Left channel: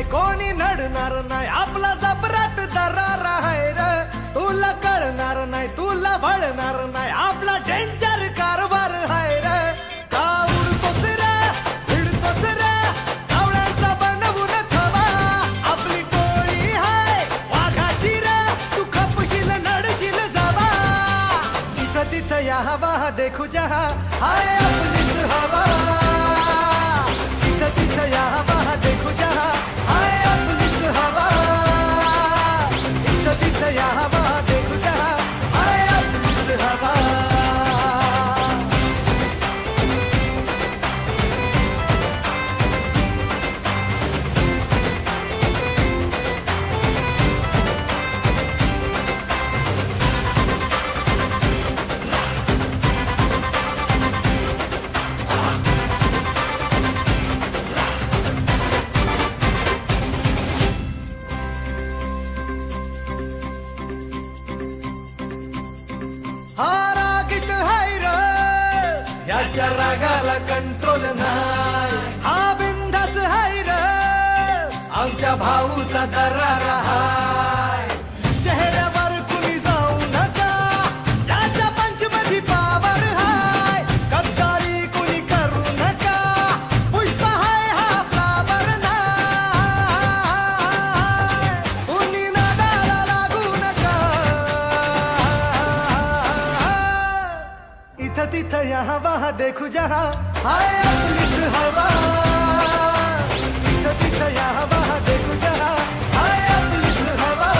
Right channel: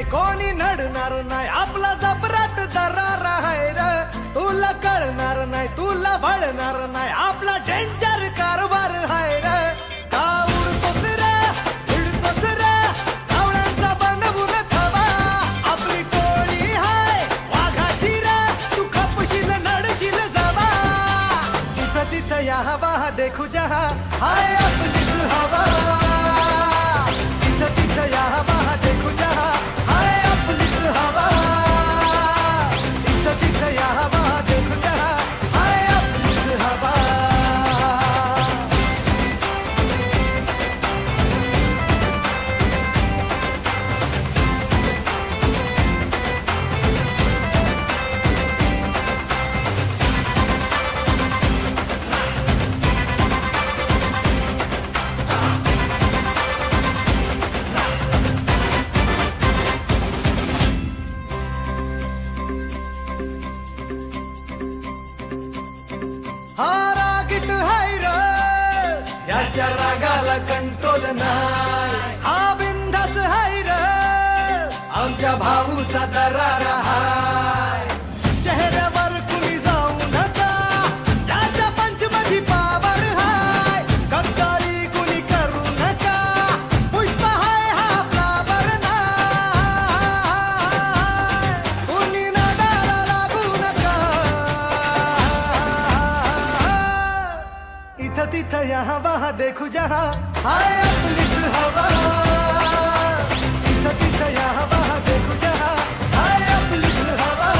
नाही कोणी नडणार नाही आपला जबराट दरार आहे र तुला कळणार नाही तुला वळणार नाही आपला डेंजर कारभार आहे र का उडतोस रे भिडतोस रे कावळ्यांचा बनवून थवा आपली टोळी हाय वाघाची रे तू खपशील नडशील जावा इथं तिथं या हवा देखू जहा हाय आपलीच हवा इथं तिथं या हवा देखू जहा हाय आपलीच हवा इथं तिथं या हवा देखू जहा हाय आपलीच हवा हा रागीट हाय र याच्या रागाला कंट्रोल नाही हा बिंदास हाय र आमच्या भाऊचा दरार हाय चेहऱ्यावर कुणी जाऊ नका याच्या पंचमधी पावर हाय गद्दारी कुणी करू नका पुष्प हाय हा फ्लावर नाही कुणी नादाला लागू नका इथं तिथं या हवा देखू जहा हाय आपलीच हवा इथं तिथं या हवा देखू जहा हाय आपलीच हवा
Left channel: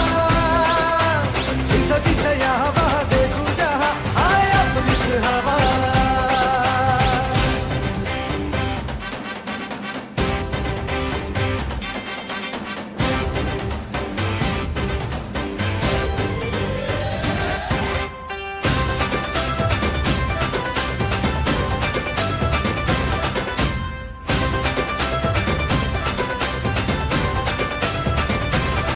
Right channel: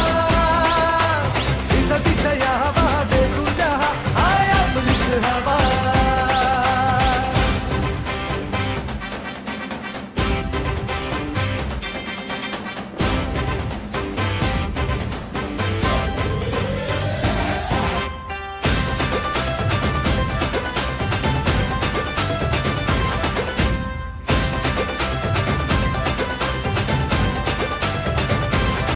इथं तिथं या हवा देखू जहा हाय आपलीच हवा